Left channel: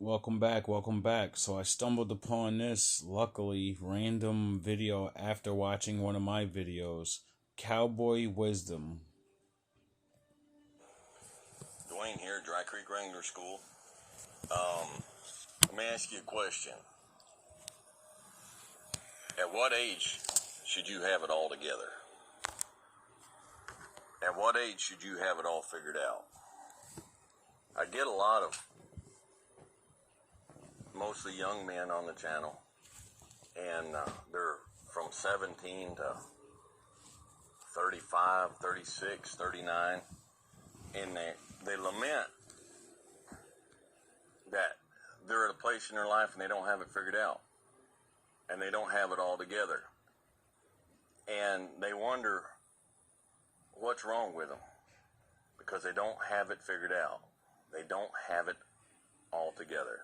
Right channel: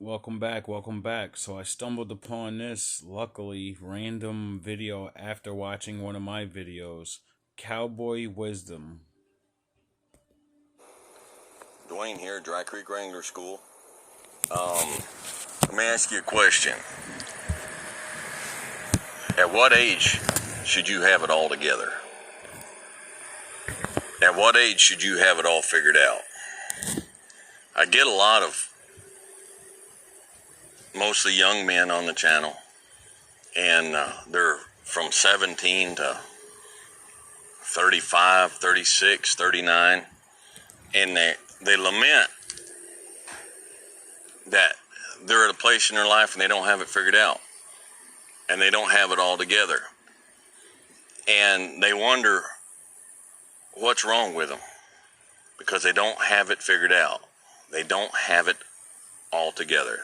Welcome back, welcome back. So I stumbled upon this, luckily, random video after watching one of my videos. Cowboy Wisdom. Dwayne here, Dry Creek Wrangler School. Let me ask you a question. At what age should you have it all together? At what age should you have it all figured out? I get a lot of mostly young men on the channel, and they're from 17 to 35, 36, 39, and they lament that they're at a place in their life and they don't have it figured out, and they don't have it all together, and they wonder what's wrong with them because they don't have it figured out. They don't have it all together.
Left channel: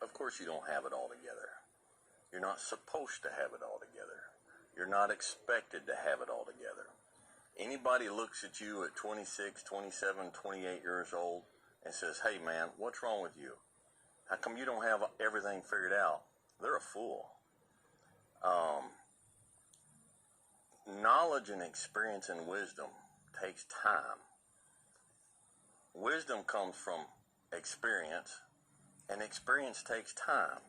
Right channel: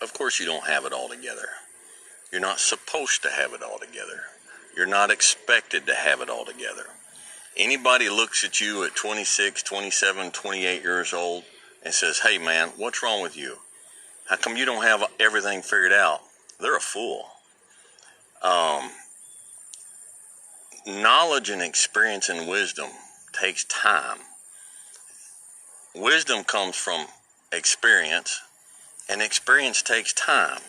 Of course you don't have it all together. You're not supposed to have it all together. You're not expected to have it all together. Anybody looks at you at 26, 27, 28 years old and says, "Hey man, what's wrong with you? How come you don't have everything figured out?" They're a fool. Knowledge and experience and wisdom takes time. Wisdom comes from experience, and experience takes time.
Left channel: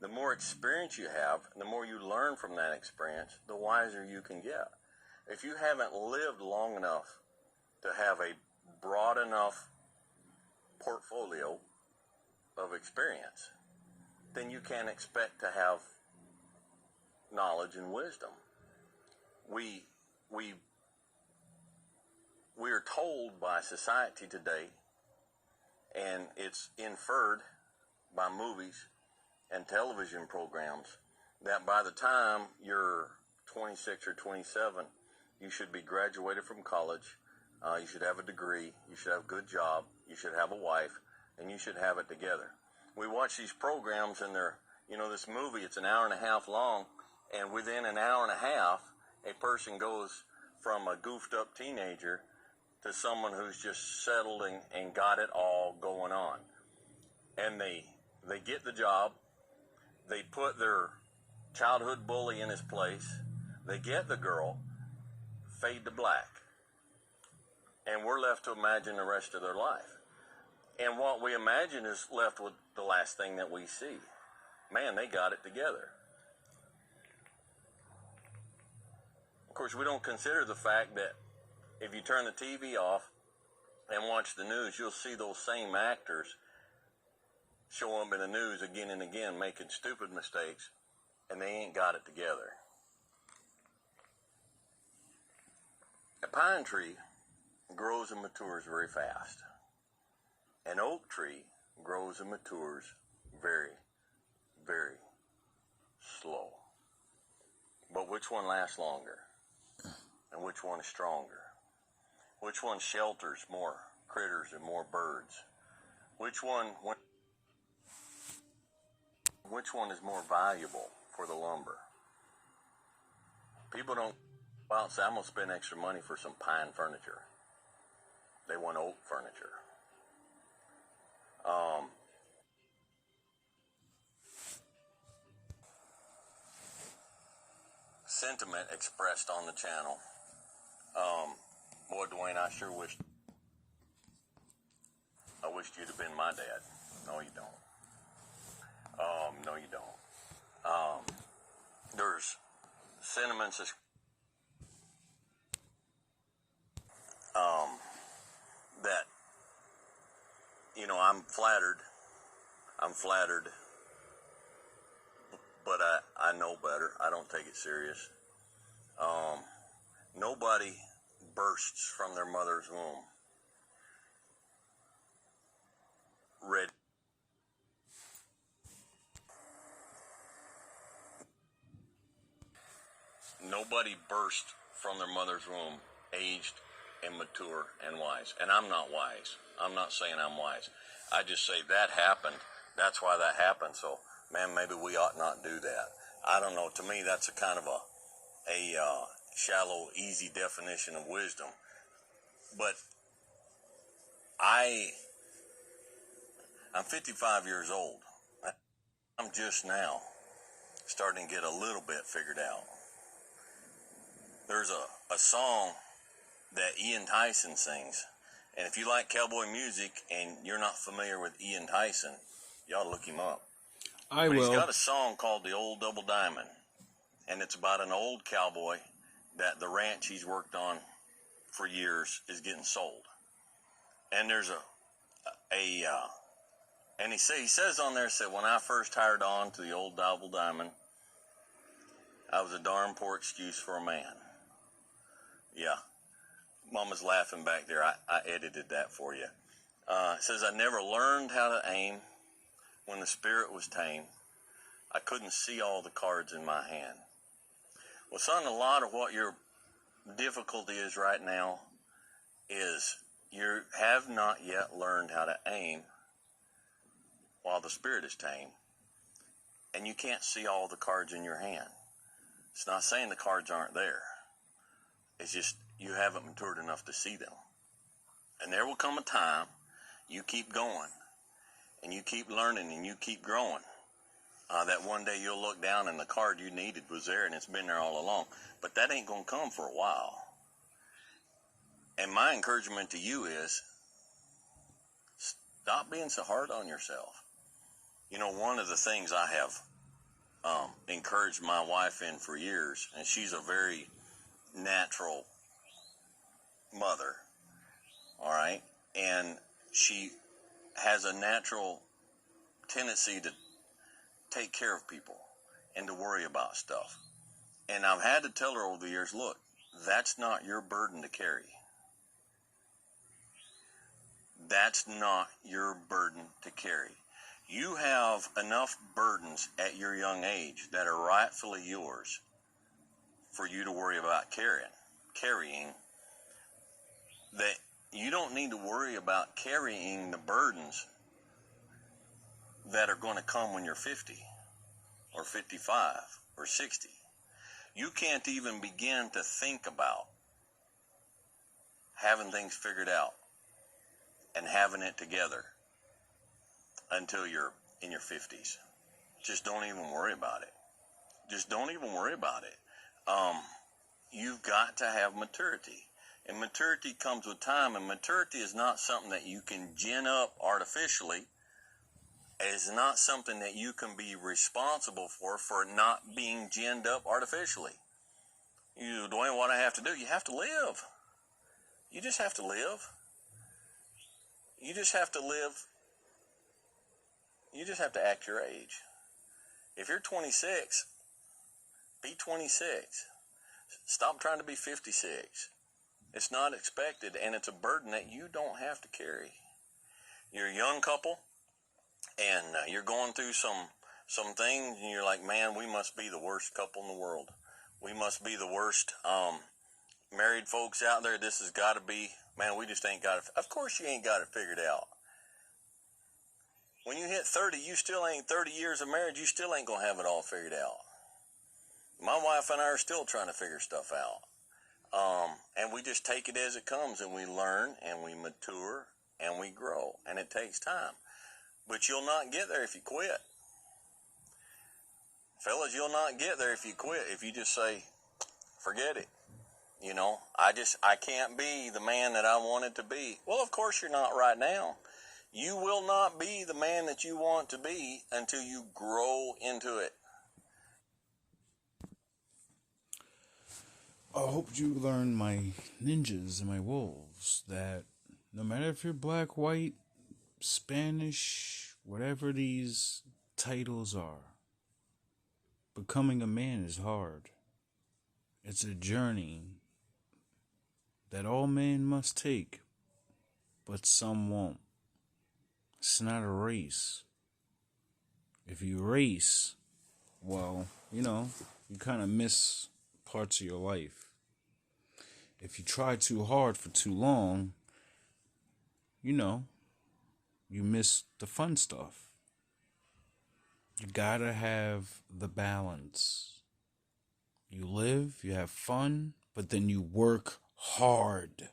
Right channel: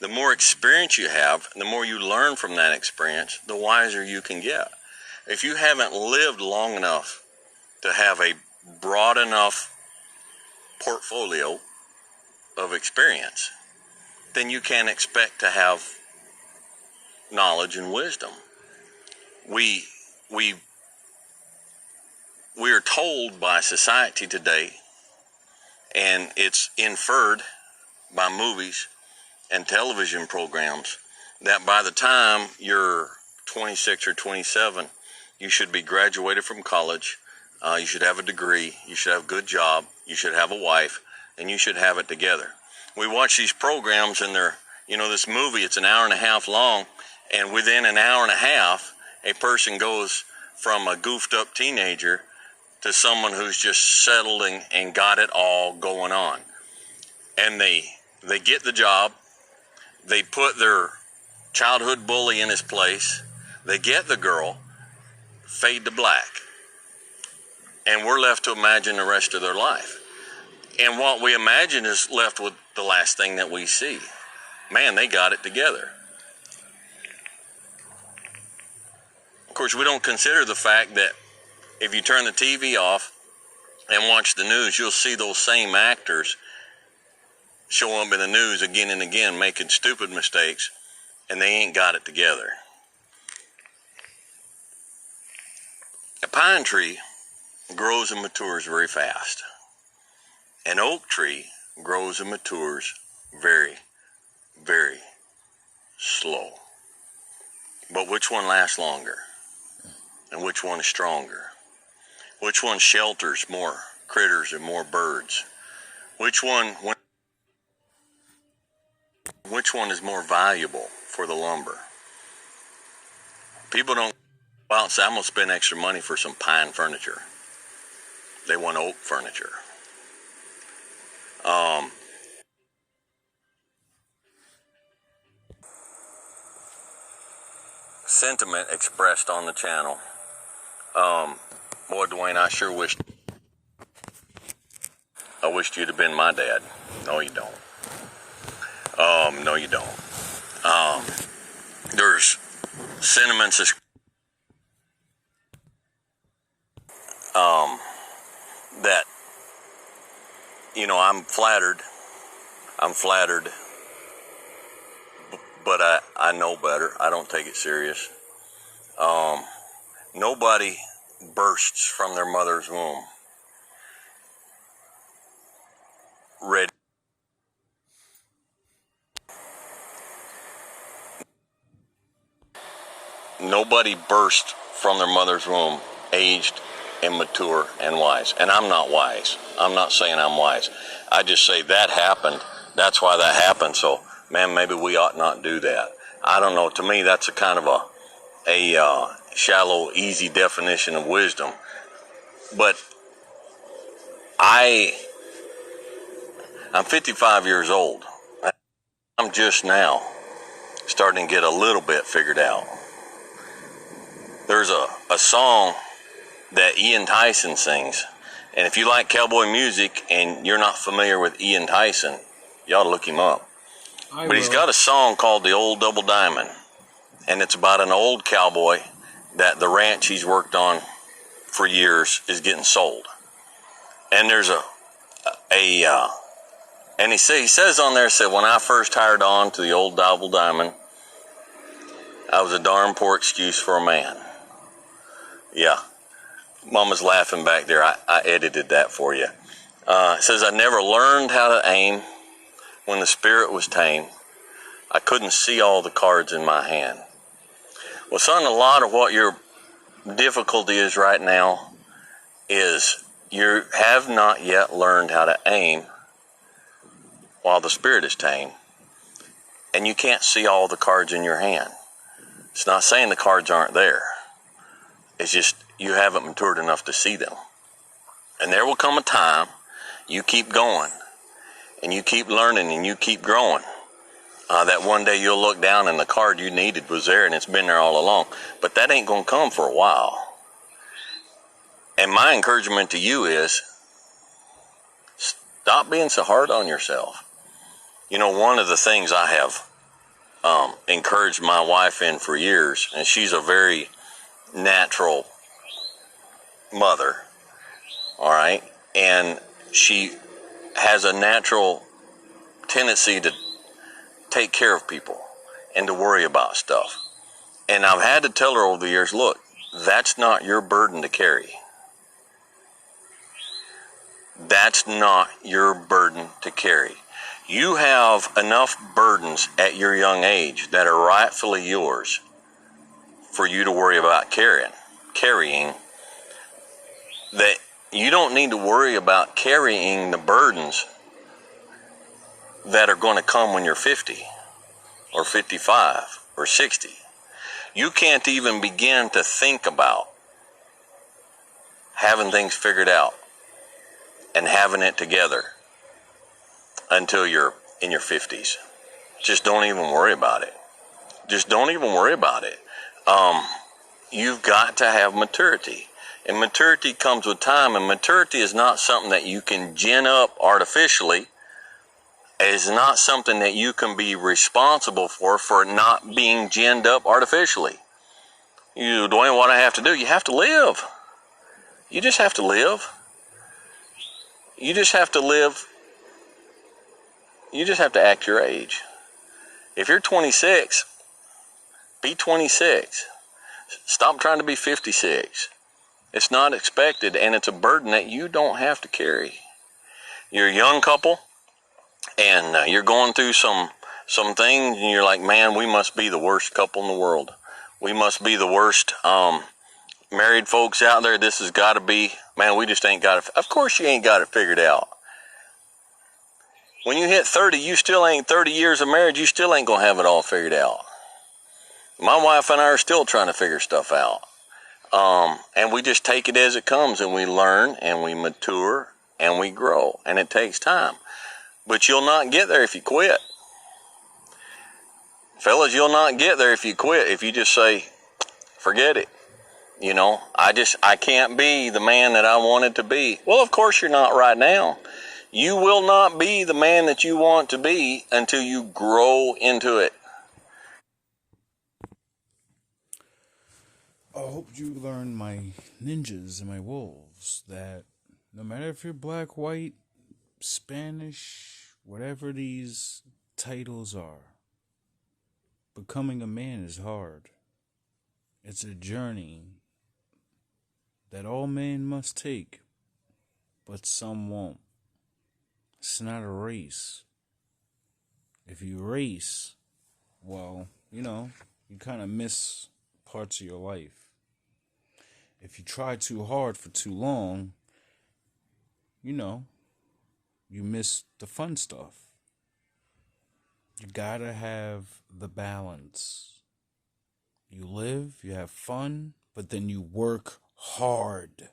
The more experience you have, the more you learn from that experience, the wiser you can get. If you haven't lived long enough to have a broad enough portfolio of experience, then you can't expect to have knowledge and wisdom. We are told by society today, and it's inferred by movies and television programs, that by the time you're 26 or 27, you should be graduated from college, you should have a degree, you should have a good job, you should have a wife, and you should have it together. We watch these programs and this movie, it's an hour and a half long, and within an hour and a half, a person goes from a goofed up teenager to someone who's just settled and got it all going on. And they get the job, they put their childhood bully in his place, they get the girl, fade to black. And we're left to imagine the rest of their life. And what we imagine is left with the last thing that we see. Man, they got it together. Of course, we don't consider the fact that if you turn the TV off and watch the news, you'll see those same actors show up in the news again and again, making stupid mistakes, and they ain't got it together. A pine tree grows and matures very fast. An oak tree grows and matures very, very slow. But which one lasts longer? And which one is stronger? Which one shelters more critters and more birds? Which one is more valuable for the lumber? People don't go out and say, "I'm going to spend extra money for some pine furniture." They want oak furniture. Sentiment expressed on the channel. Boy, Dwayne, I sure wished you'd have been my dad. No, you don't. No, you don't. There's sentiments that, I'm flattered, but I know better. I don't take it serious. Nobody bursts from their mother's womb ready. Nobody bursts from their mother's womb aged and mature and wise. And I'm not wise. I'm not saying I'm wise. I just say that happened. That's why that happened. So, man, maybe we ought not do that. I don't know. To me, that's a kind of a shallow, easy definition of wisdom. But I I'm 55 years old. I'm just now starting to get a little bit figured out. There's a song that Ian Tyson sings. And if you like cowboy music and you're not familiar with Ian Tyson, you ought to look him up. But he's got a song called The Old Double Diamond. And it's about an old cowboy that the ranch he's worked on for years is getting sold. And there's and he says on there, when I first hired on to the Old Double Diamond, I was a darn poor excuse for a man. Yeah. Mama's laughing back there. I edited that for you. It says, I never learned how to aim when the spirit was tame. I couldn't see all the cards in my hand. Well, son, a lot of what your difficulty is right now is you have not yet learned how to aim while the spirit is tame, and you can't see all the cards in your hand. It's not saying the cards aren't there. It's just you haven't matured enough to see them. And there will come a time you keep going and you keep learning and you keep growing. That one day you'll look down and the card you needed was there and it's been there all along. But that ain't going to come for a while. And my encouragement to you is stop being so hard on yourself. You know, one of the things I have encouraged my wife in for years, and she's a very natural mother, all right, and she has a natural tendency to take care of people and to worry about stuff. And I've had to tell her over the years, look, that's not your burden to carry. That's not your burden to carry. You have enough burdens at your young age that are rightfully yours for you to worry about carrying, that you don't need to worry about carrying the burdens that are going to come when you're 50 or 55 or 60. You can't even begin to think about having things figured out and having it together until you're in your 50s. Just don't even worry about it. Just don't even worry about it. You've got to have maturity. And maturity comes with time, and maturity is not something that you can gin up artificially. It's not something that you can be responsible for not being ginned up artificially. Dwayne, what I have to do? You have to live. You just have to live. You just have to live. You just have to act your age. If you're 26, be 26. Stop trying to be 56. It's not expected, and it's a burden that you don't have to carry. You're a young couple, and you're going through some things, and you're like, man, we must be the worst couple in the world. We must be the worst married folks out there. This has got to be, man, we just ain't got it. Of course you ain't got it figured out. When you hit 30, you still ain't 30 years of marriage, you still ain't going to have it all figured out. My wife and I are still trying to figure stuff out. And we just take it as it comes, and we learn, and we mature, and we grow, and it takes time. But you'll not get there if you quit. Fellas, you'll not get there if you quit, if you just say, forget it. You know, I can't be the man that I wanted to be. Well, of course you're not right now. You will not be the man that you want to be until you grow into it. I hope you learned, my ninjas and my wolves, that no matter if you're black, white, Spanish, whatever these titles are, becoming a man is hard. It's a journey that all men must take, but some won't. It's not a race. If you race, well, you kind of miss parts of your life. If you try too hard for too long, you miss the fun stuff. You gotta have the balance. You live, you have fun, but then you work hard.